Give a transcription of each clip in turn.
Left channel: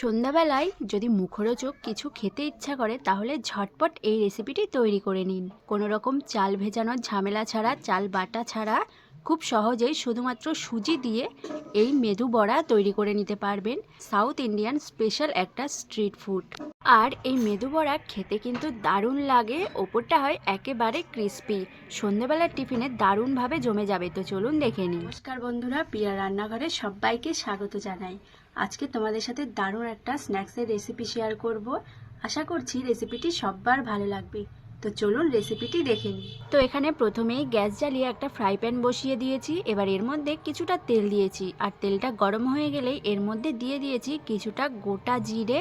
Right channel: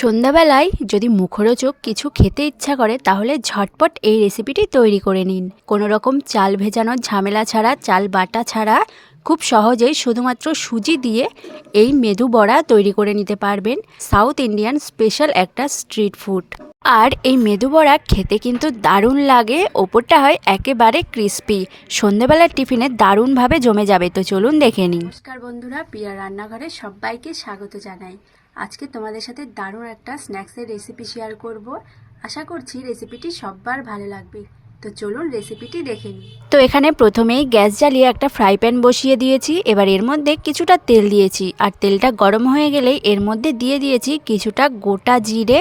সন্ধ্যাবেলায় যদি মুখরোচক কিছু খেতে ইচ্ছা করে তাহলে ঝটপট এই রেসিপিটি তৈরি করে নিন। কোনো রকম চাল ভেজানোর ঝামেলা ছাড়া, চাল বাটা ছাড়া খুব সহজেই শুধুমাত্র সুজি দিয়ে এই মেদু বড়া তৈরি করে নিতে পারবেন। সাউথ ইন্ডিয়ান স্পেশাল একটা স্ট্রিট ফুড। আর এই মেদু বড়া খেতে কিন্তু দারুণ লাগে, ওপরটা হয় একেবারে ক্রিস্পি। সন্ধ্যাবেলার টিফিনে দারুণভাবে জমে যাবে। তো চলুন দেখে নিন। নমস্কার বন্ধুরা, প্রিয়া রান্নাঘরে সবাইকে স্বাগত জানাই। আজকে তোমাদের সাথে দারুণ একটা স্ন্যাক্সের রেসিপি শেয়ার করব। আশা করছি রেসিপিটি সবার ভালো লাগবে। তো চলুন রেসিপিটি দেখে নিই। তো এখানে প্রথমেই গ্যাস জ্বালিয়ে একটা ফ্রাই প্যান বসিয়ে দিয়েছি। এবার এর মধ্যে কিছুটা তেল দিয়েছি, আর তেলটা গরম হয়ে গেলেই এর মধ্যে দিয়ে দিয়েছি কিছুটা গোটা জিরে।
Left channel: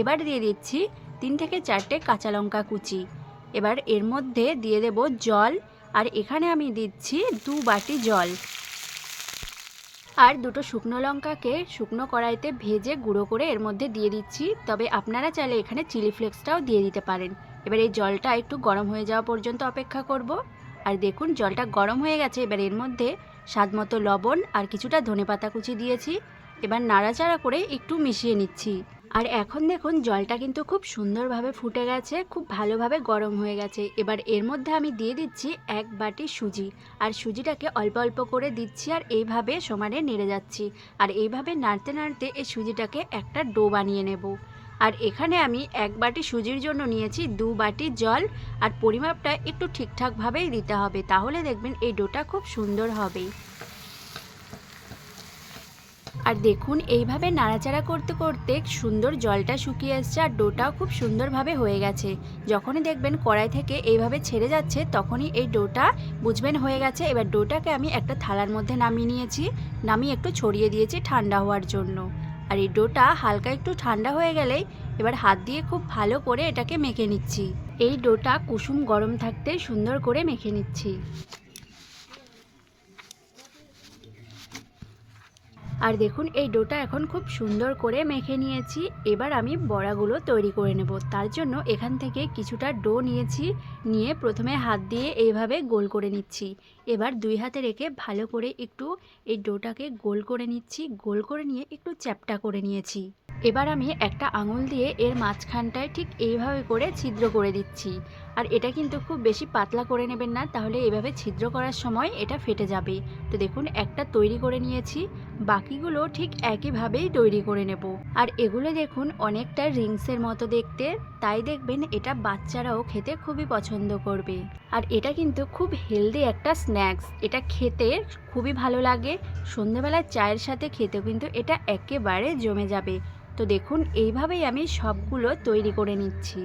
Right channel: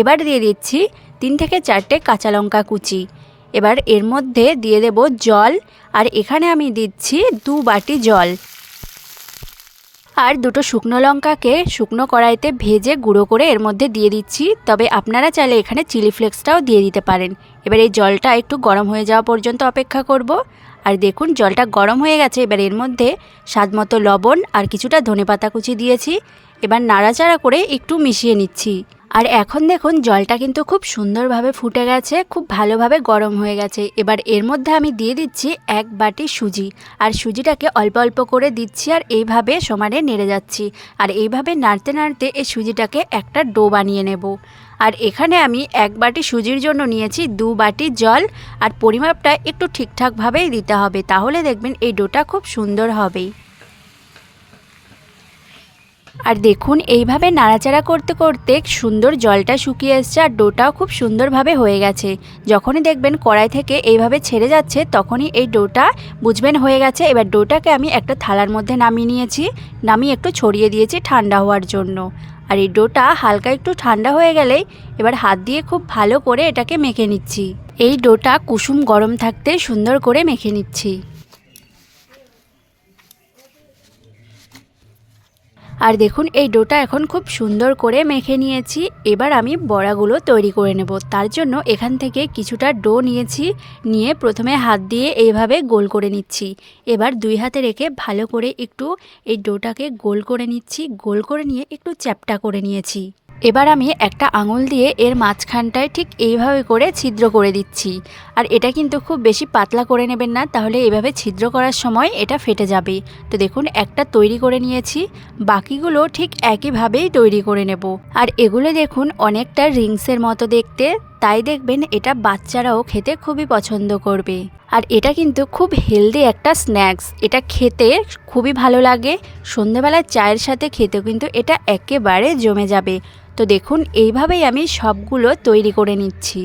এবার দিয়ে দিচ্ছি 3 থেকে 4টে কাঁচা লঙ্কা কুচি। এবার এর মধ্যে দিয়ে দেব জল, আর এখানে আমি দিচ্ছি 2 বাটি জল। আর 2টো শুকনো লঙ্কাকে শুকনো কড়াইতে ভেজে গুঁড়ো করে এর মধ্যে দিয়ে দিচ্ছি। তবে আপনারা চাইলে এখানে চিলি ফ্লেক্সটাও দিয়ে দিতে পারেন। এবার এই জলটা একটু গরম হয়ে যাওয়া পর্যন্ত অপেক্ষা করব। আর দেখুন জলটা গরম হয়ে গেছে। এবার এর মধ্যে স্বাদমতো লবণ আর কিছুটা ধনেপাতা কুচি দিয়েছি। এবার নাড়াচাড়া করে একটু মিশিয়ে নিচ্ছি। আর এখন দেখুন জলটা কিন্তু খুব সুন্দরভাবে ফুটে গেছে, খুব ভালোভাবে গরম হয়ে গেছে। এবার এর মধ্যে আমি দিয়ে দিচ্ছি 1 বাটি সুজি, আর সুজিটাকে অল্প অল্প করে দিচ্ছি আর এইভাবে সমানে নেড়ে যাচ্ছি। আর এইভাবে নাড়তে নাড়তে এই সুজিটাকে একটা ডো বানিয়ে নেব। আর এখানে আমি 1 বাটি সুজির জন্য নিয়েছি 2 বাটি জল, আর পরিমাপটা একটু ঠিকঠাকভাবেই দিতে হবে, তাহলে দেখবেন এই ডোটা খুব সুন্দর হবে। আর দেখুন এইভাবে নাড়াচাড়া করতে করতে সুন্দর জলটা শুকিয়ে এসছে, আর ডোটাও খুব সুন্দরভাবে হয়ে গেছে। যখনই দেখবেন কড়াই থেকে এইভাবে ছেড়ে যাচ্ছে তখনই এই ডোটা বুঝবেন হয়ে গেছে। এবার ডোটাকে আমি একটা থালার মধ্যে নামিয়ে নিয়েছি, নামিয়ে একটু ছড়িয়ে দিয়েছি ঠান্ডা হওয়ার জন্য। আর এই ডোটা হালকা একটু ঠান্ডা হয়ে গেলেই এবার হাত দিয়ে খুব ভালো করে এটাকে মেখে নিচ্ছি। এই ডোটা কুসুম গরম থাকতে সুন্দর করে মেখে নিচ্ছি। আর দেখুন এই ডোটা এখন খুব সুন্দর করে মেখে নিয়েছি। এবার আমি বড়াগুলো তৈরি করে নেব। তার জন্য এখান থেকে কিছুটা ডো নিয়েছি, নিয়ে প্রথমে হাত দিয়ে এইভাবে গোল করে নিচ্ছি। এবার 2 হাতে রেখে ভালো করে একটু এই ডোটাকে গোল করে নিচ্ছি। গোল করে নিয়ে একটু চ্যাপ্টা করে নিয়েছি। এবার আমি একটা আঙুল দিয়ে এর মাঝখানটায় ঠিক এইভাবে করে ছিদ্র করে দিচ্ছি। আর এটা কিন্তু খুব বেশি পাতলা করে নেবেন না, তাহলে এইভাবে ছিদ্র করার সময় এটা ফেটে যাবে। তো দেখুন একটা তৈরি করে নিয়েছি, বাকিগুলো ঠিক একইভাবেই তৈরি করে নেব। আর এগুলো দেখুন অনেকটা রিংসের মতো দেখতে, তাই দেখবেন এটা বাচ্চারাও খেতে খুবই পছন্দ করবে। আর এটা কিন্তু খুব হেলদি একটা স্ন্যাক্স, এটা খেতে খুবই ভালো লাগে। সন্ধ্যাবেলায় চায়ের সাথে খেতেও কিন্তু এটা একেবারে জমে যাবে। তো দেখুন এইভাবেই আমি সবগুলো তৈরি করে নিচ্ছি।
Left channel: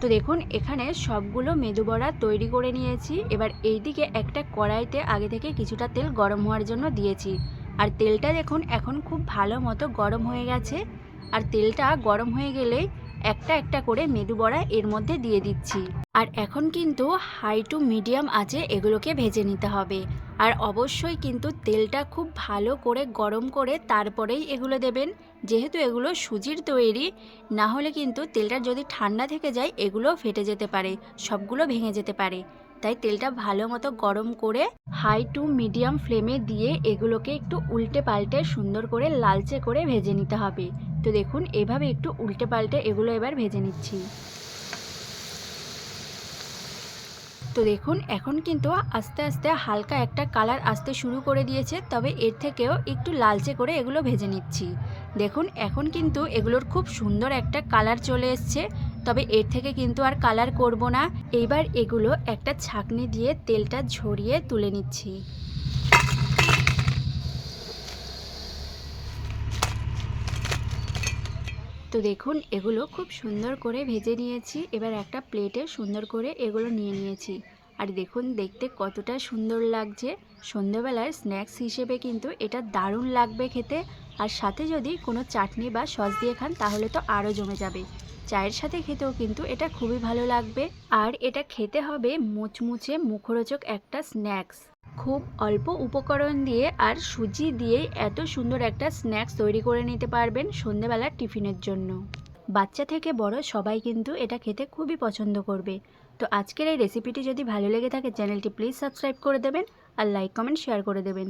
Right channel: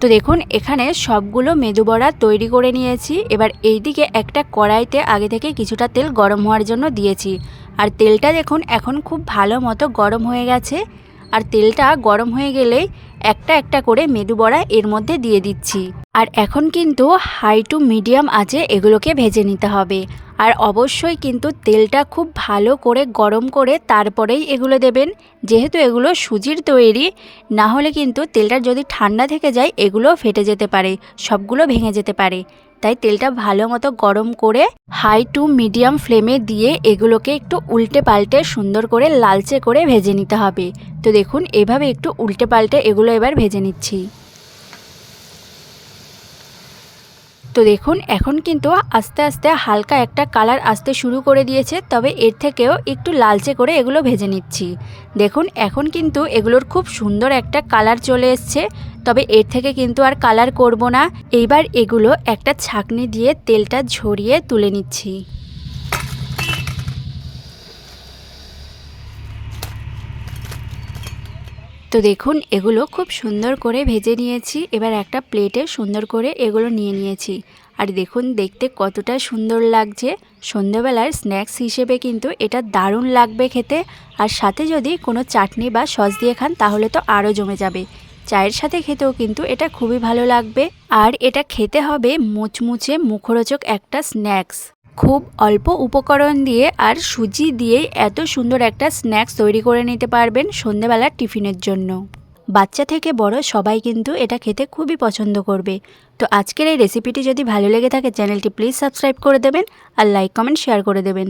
তো দেখুন এখানে সবগুলো মেদু বড়া তৈরি করে নিয়েছি। এবার এই দিকে একটা কড়াইতে আগে থেকে কিছুটা তেল গরম হওয়ার জন্য দিয়েছি। আর তেলটা দেখুন এখন খুব ভালো মতো গরম হয়ে গেছে। আর তেলটা গরম হয়ে গেলেই একটা একটা করে মেদু বড়া এর মধ্যে দিয়ে দিচ্ছি। আর এখন কিন্তু হাই টু মিডিয়াম আঁচে এগুলোকে ভেজে নিতে হবে। আর অবশ্যই কিন্তু তেলটা খুব ভালো করে গরম করে তারপরেই এগুলো দেবেন, যেহেতু এগুলো সুজির তৈরি। না হলে কিন্তু তেলটা যদি ঠান্ডা থেকে যায় এগুলো ফেটে যেতে পারে, সবগুলো ভেঙে যেতে পারে। তাই তেলটা ভালো মতো গরম করে হাই টু মিডিয়াম ফ্লেমে দিয়ে এগুলোকে একটু উল্টে পাল্টে সুন্দর করে লালচে করে ভেজে নিতে হবে। তো দেখুন এভাবে একটু উল্টে পাল্টে এগুলো এবার ভেজে নিচ্ছি। তো দেখুন এখন কিন্তু আস্তে আস্তে হালকা একটা কালার আসতে শুরু করে দিয়েছে, তবে এর থেকেও একটু লালচে করে এগুলো ভেজে নিচ্ছি। দেখুন এখন কিন্তু এগুলোর খুব সুন্দর একটা কালার চলে এসছে, তবে এর থেকে কিন্তু আর কালার করব না। এইবার এগুলো একটা ছাঁকনি দিয়ে তেলটা ঝরিয়ে তুলে নিচ্ছি। তো দেখুন এগুলো খুব সুন্দর করে ভেজে নিয়েছি। এবার একটা প্লেটে সুন্দর করে এগুলো নিয়ে নিয়েছি। আর দেখুন দেখতে কতটা সুন্দর লাগছে। সন্ধ্যাবেলার স্ন্যাক্স হিসেবে কিন্তু এটা দারুণ লাগবে খেতে। আর সাথে যদি কোনো চাটনি বা সস দিয়ে খান তাহলে তো আরও জমে যাবে। চায়ের সাথে খেতেও কিন্তু এটা খুবই ভালো লাগবে। আর এটা খেতে হবে মুচমুচে মুখরোচক একটা স্ন্যাক্স। খুব অল্প উপকরণ দিয়ে আর সুজি দিয়ে এত সুন্দর একটা স্ন্যাক্স তৈরি করে নিতে পারবেন সন্ধ্যাবেলার টিফিনের জন্য। বাচ্চা থেকে বড় সবাই কিন্তু এটা খেতে খুবই পছন্দ করবে। তো আজকের এই রেসিপিটি যদি ভালো লেগে থাকে চ্যানেলটি প্লিজ সাবস্ক্রাইব করে দেবেন আর লাইক কমেন্ট শেয়ার করে দেবেন।